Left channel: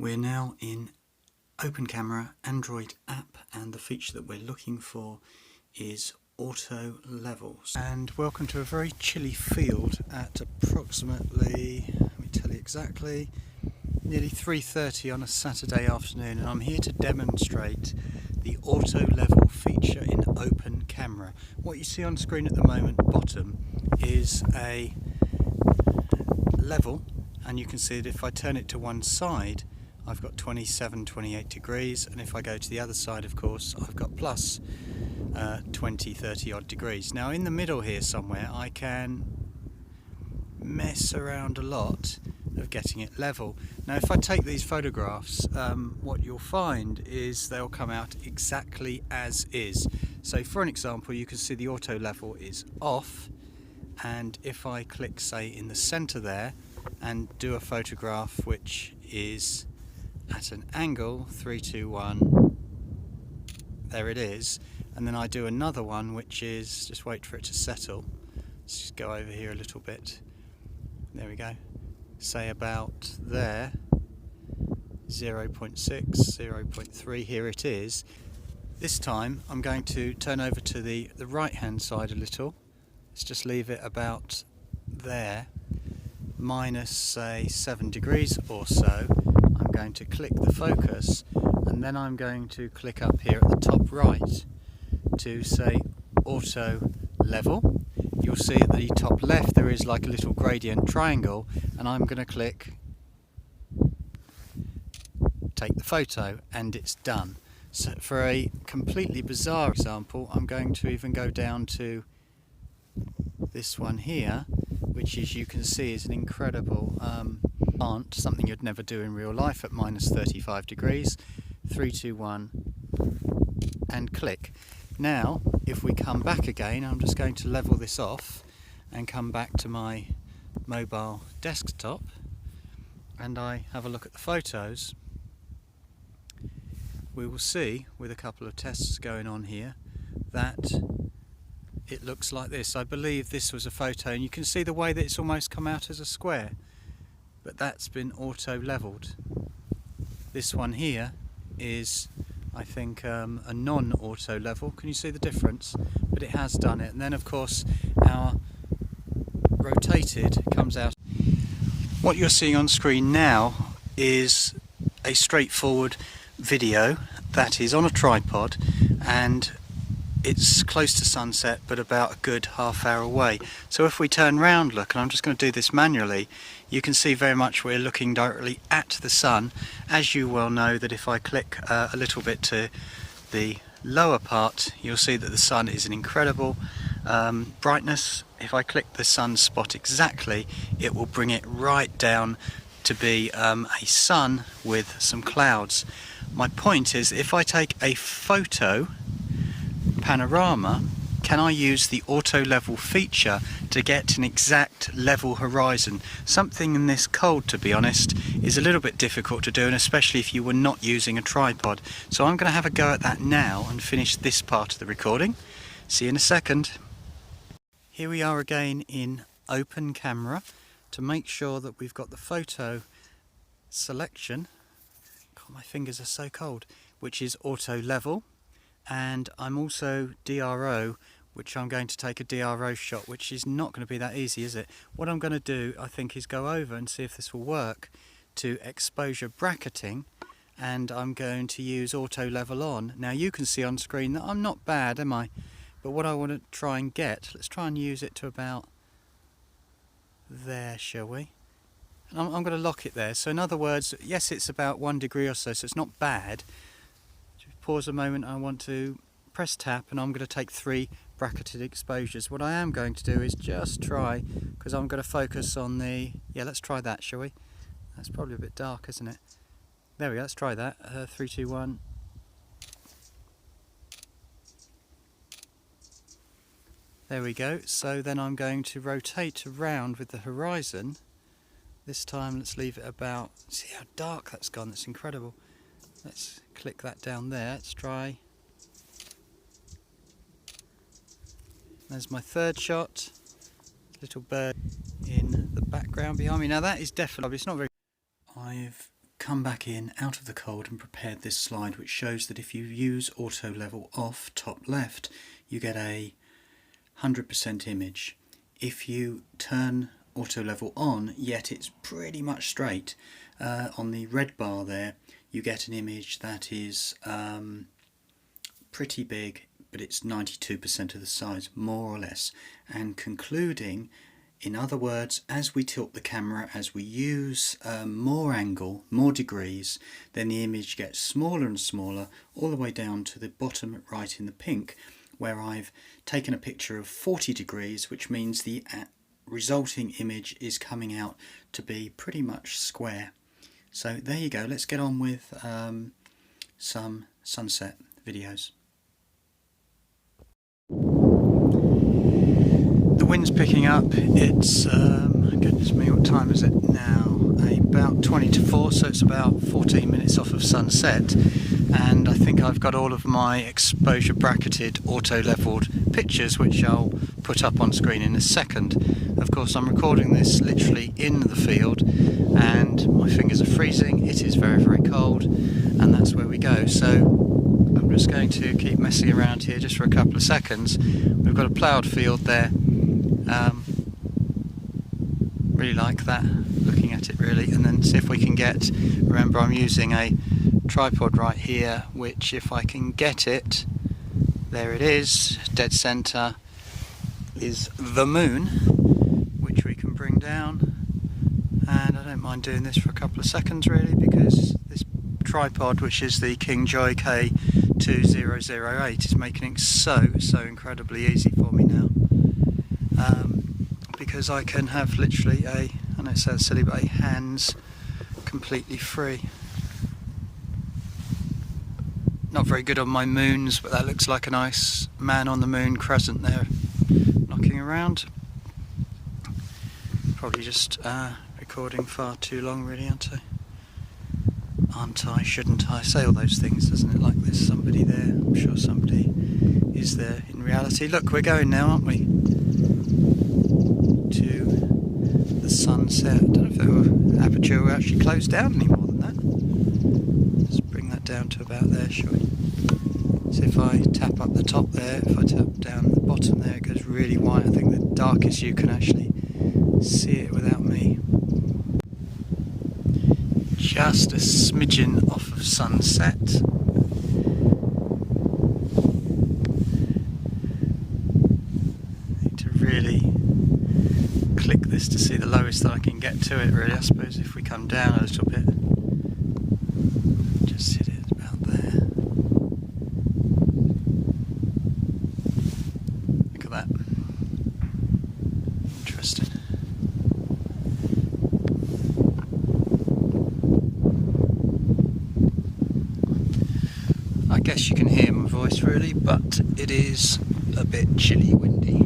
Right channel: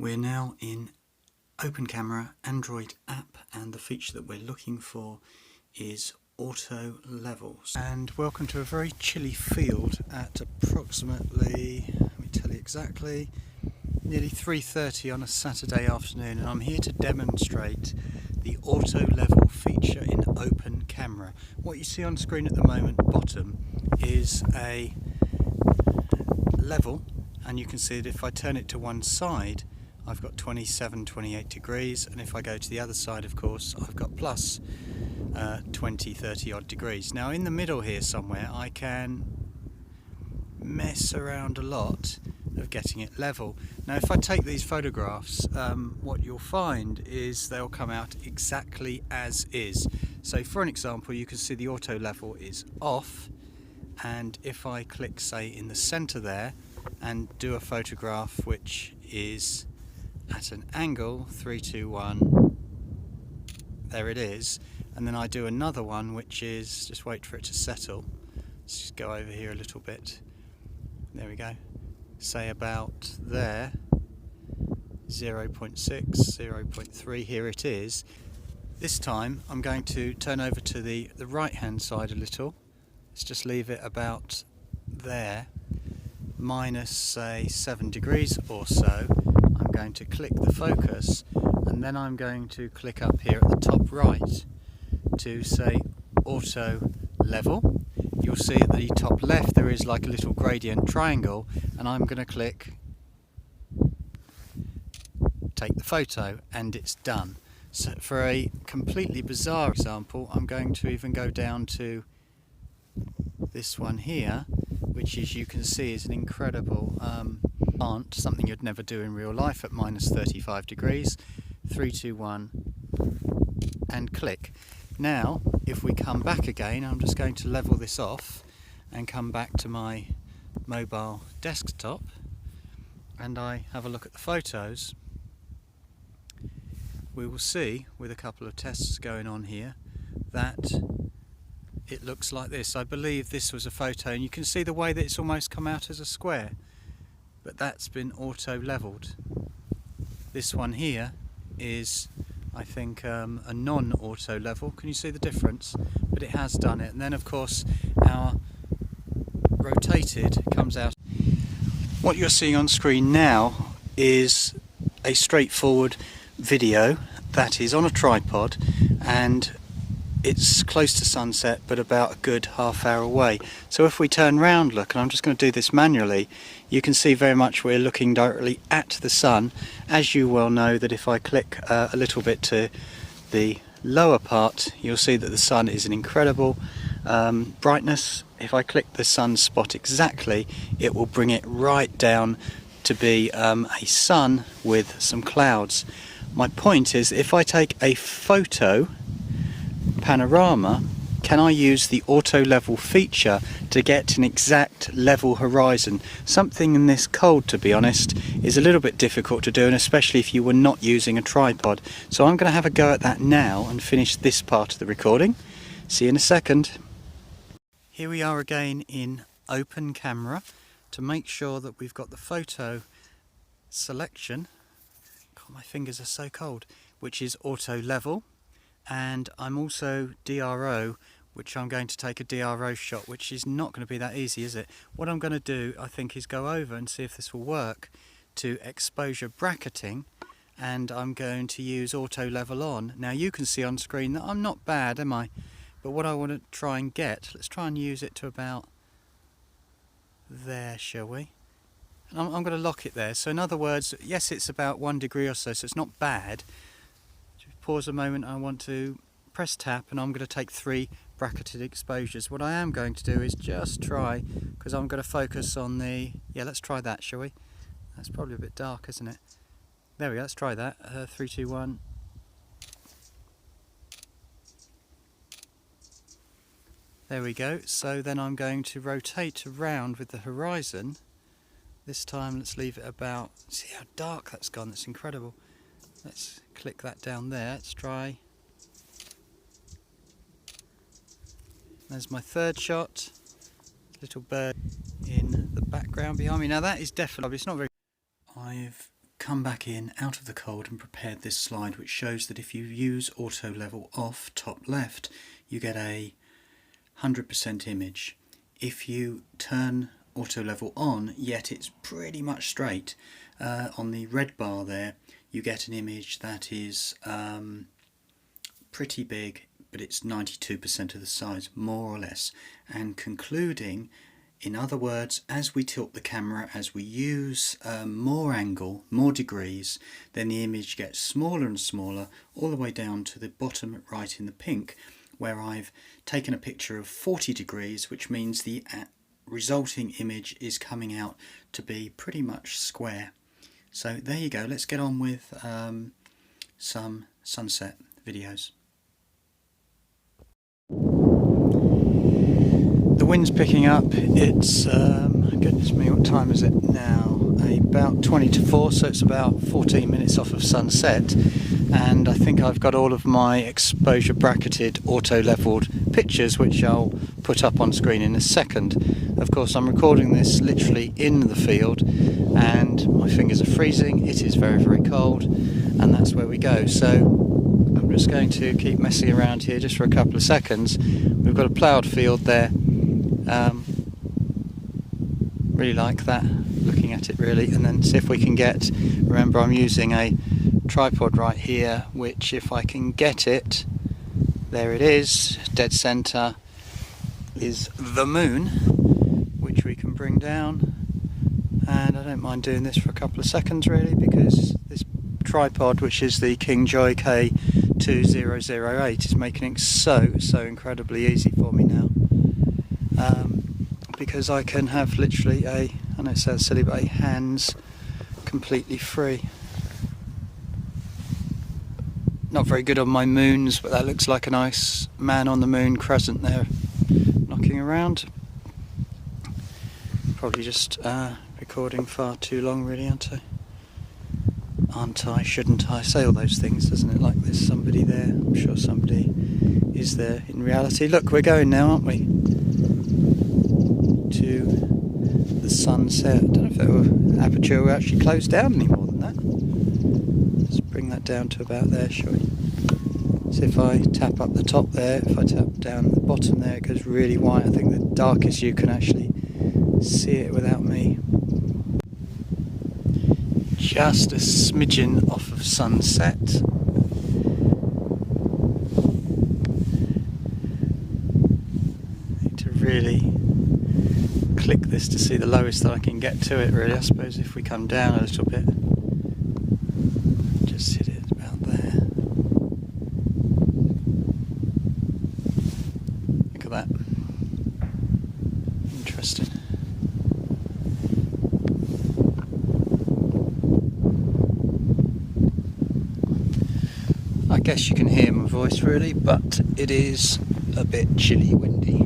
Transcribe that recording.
We're now in Open Camera Android app, and the feature that we're looking for is auto levels. And welcome to a very chilly field at approximately, let me tell you exactly, nearly 3:30 on a Saturday afternoon, and I'm here to demonstrate the auto level feature in Open Camera. What you see on screen at the moment, bottom, is a level, and you can see that if I turn it to one side I've got 27, 28 degrees, and if I go to the other side, of course, I've got plus 20, 30 odd degrees. Now in the middle here somewhere I can mess around a lot of getting it level. Now if I take these photographs, what you'll find is they'll come out exactly as is. So for an example, you can see the auto level is off, and if I click, say, in the center there and do a photograph which is at an angle, 3, 2, 1, there it is, and then I do another one which is, just wait for it to settle, let's just go over here a little bit, there we go, say about there, 0.6, 0.3, here it is. This time I'm going to turn over to the right hand side a little, let's just leave it about there, minus say 7 degrees or so. I'm going to click the focus, and then I'm going to click up here at the top right to say auto level. You'll see at the top left there is like a little gradient triangle, and I'm going to click take the photo, and it's done. So for a completely bizarre example, I'm going to even go down to this one here, which, as you can see, is an incredible plant, something you'd never do in real life at minus 35 degrees. 3, 2, 1, and click. Now if we come back again, I'm just going to level this off and come back to my mobile desktop, and I have a look at the photos. We will see, with a couple of tests going on here, that it looks like this. I believe this was a photo, and you can see the way that it's almost come out as a square, but that's been auto leveled. This one here is, I think, a non-auto level. Can you see the difference? But it has done it. And then of course our rotated comes out. What you're seeing on screen now is a straightforward video that is on a tripod, and it's close to sunset but about a good half-hour away. So if we turn round, look, and I'm just going to do this manually, you can see very much we're looking directly at the sun. As you well know, that if I click a little bit to the lower part, you'll see that the sun is an incredible brightness. If I click the sun spot exactly, it will bring it right down to be a sun with some clouds. My point is, if I take a photo panorama, can I use the auto level feature to get an exact level horizon? Something in this cold, to be honest, is a little bit difficult to do, and especially if you were not using a tripod. So I'm going to have a go at that now and finish this part of the recording. See you in a second. Here we are again in Open Camera to make sure that we've got the photo selection. God, my fingers are so cold. Which is auto level. And I'm also DRO, which I'm going to take a DRO shot, which is not going to be that easy, is it? What I'm going to do, I think, is go over and see if this will work to exposure bracketing, and I'm going to use auto level on. Now you can see on screen that I'm not bad, am I? But what I want to try and get, let's try and use it to about there, shall we? And I'm going to lock it there. So in other words, yes, it's about 1 degree or so, so it's not bad. Pause a moment, I want to press tap, and I'm going to take 3 bracketed exposures. What I am going to do is just try, because I'm going to focus on the, yeah, let's try that, shall we? That's probably a bit dark, isn't it? There we go, let's try that. 3, 2, 1. There we go. So then I'm going to rotate around with the horizon. This time let's leave it about, see how dark that's gone, that's incredible. Let's click that down there, let's try. There's my third shot, little bird in the background behind me. Now that is definitely, it's not very, I've come back in out of the cold and prepared this slide, which shows that if you use auto level off top left, you get a 100% image. If you turn auto level on, yet it's pretty much straight, on the red bar there you get an image that is pretty big, but it's 92% of the size, more or less. And concluding, in other words, as we tilt the camera, as we use more angle, more degrees, then the image gets smaller and smaller, all the way down to the bottom right in the pink, where I've taken a picture of 40 degrees, which means the resulting image is coming out to be pretty much square. So there you go, let's get on with some sunset videos. The wind's picking up. It's, goodness me, what time is it now? About 20 to 4, so it's about 14 minutes off of sunset. And I think I've got all of my exposure bracketed auto leveled pictures, which I'll put up on screen in a second. Of course, I'm recording this literally in the field and my fingers are freezing. It is very, very cold, and that's where we go. So I'm just going to keep messing around here just for a couple of seconds. We've got a ploughed field there. Really like that, looking at it really, and then see if we can get, remember I'm using a tripod right here, which if I can get it, there it is, dead center is the moon, which we can bring down. And I don't mind doing this for a couple of seconds really, because this tripod, which is the Kingjoy K2008, is making it so incredibly easy for me now. Because I can have literally I know it sounds silly, but hands completely free. Not very good on my moons, but that looks like a nice man on the moon crescent there knocking around. Probably just recording far too long really, aren't I? Shouldn't I? Say all those things, doesn't it? Like there's somebody there. I'm sure somebody is there in reality. Look, we're going now, aren't we? To the sunset. I don't know if Aperture will actually close down any more than that. Let's bring that down to about there, shall we? So if I tap up the top there, if I tap down the bottom there, it goes really white. I think the darkest you can actually see it without me. Just a smidgen off of sunset. Need to really click this to see the lowest that I can get to it really. I suppose if we come down a little bit, just hit it about there. Look at that. Interesting. I guess you can hear my voice really, but it is a bit chilly windy.